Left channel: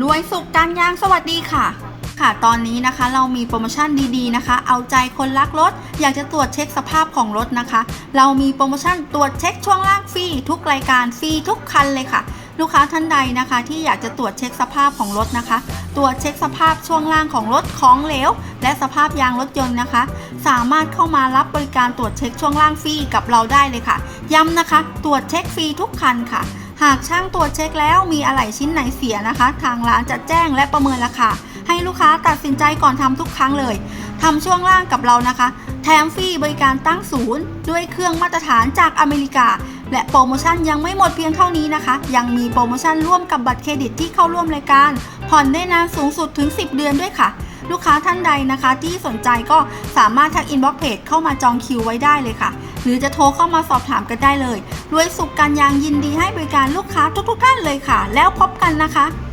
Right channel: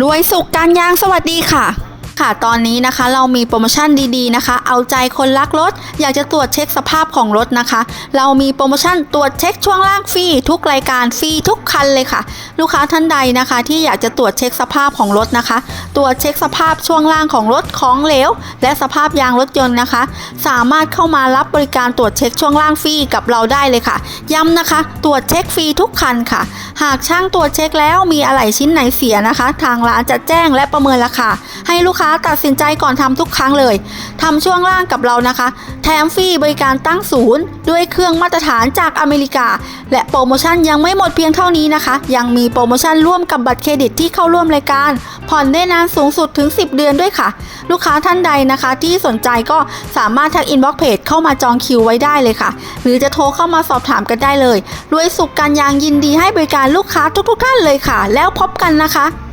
รวยสุขการยางสวัสดีค่ะ ค่ะตอนนี้นะคะเรามีโปรโมชั่นดีๆนะคะ เอาใจคนรักรถ อยากจะตรวจเช็คสภาพของรถนะคะ เรามีโปรโมชั่นตรวจเช็คช่วงล่างฟรีทุกรายการฟรีทุกคันเลยค่ะ ลูกค้าท่านใดนะคะ ที่อยากจะตรวจเช็คสภาพของรถนะคะ ตรวจเช็คสภาพช่วงล่างของรถของเหลว และสภาพยางรถยนต์นะคะ สามารถเข้ามารับบริการตรวจเช็คช่วงล่างฟรีกับเราได้เลยค่ะ ย้ำนะคะ ตรวจเช็คฟรีทุกคันค่ะ หากช่างตรวจเช็คแล้วมีอะไหล่ชิ้นไหนเสียนะคะ ทางร้านจะแจ้งและประเมินราคาให้ลูกค้าตัดสินใจก่อนทำทุกครั้งเลยทำช่วงล่างกับเรานะคะ แถมฟรีบริการตั้งศูนย์ ด้วยเครื่องมาตรฐานจากอเมริกา และโปรโมชั่นยังไม่หมดเพียงเท่านี้นะคะ ยังมีโปรโมชั่นร่วมกับบัตรเครดิตที่เข้าร่วมรายการ ผ่อนได้นานสูงสุดถึง 10 เดือนด้วยค่ะ ลูกค้าท่านใดนะคะ ที่สนใจก็สามารถทักอินบ็อกเพจเข้ามาจองคิวไว้ได้เลยค่ะ หรือจะโทรเข้ามาสอบถามกันได้เลยรวยสุขการยางยินดีให้บริการลูกค้าทุกๆท่านเลยค่ะ แล้วพบกันนะคะ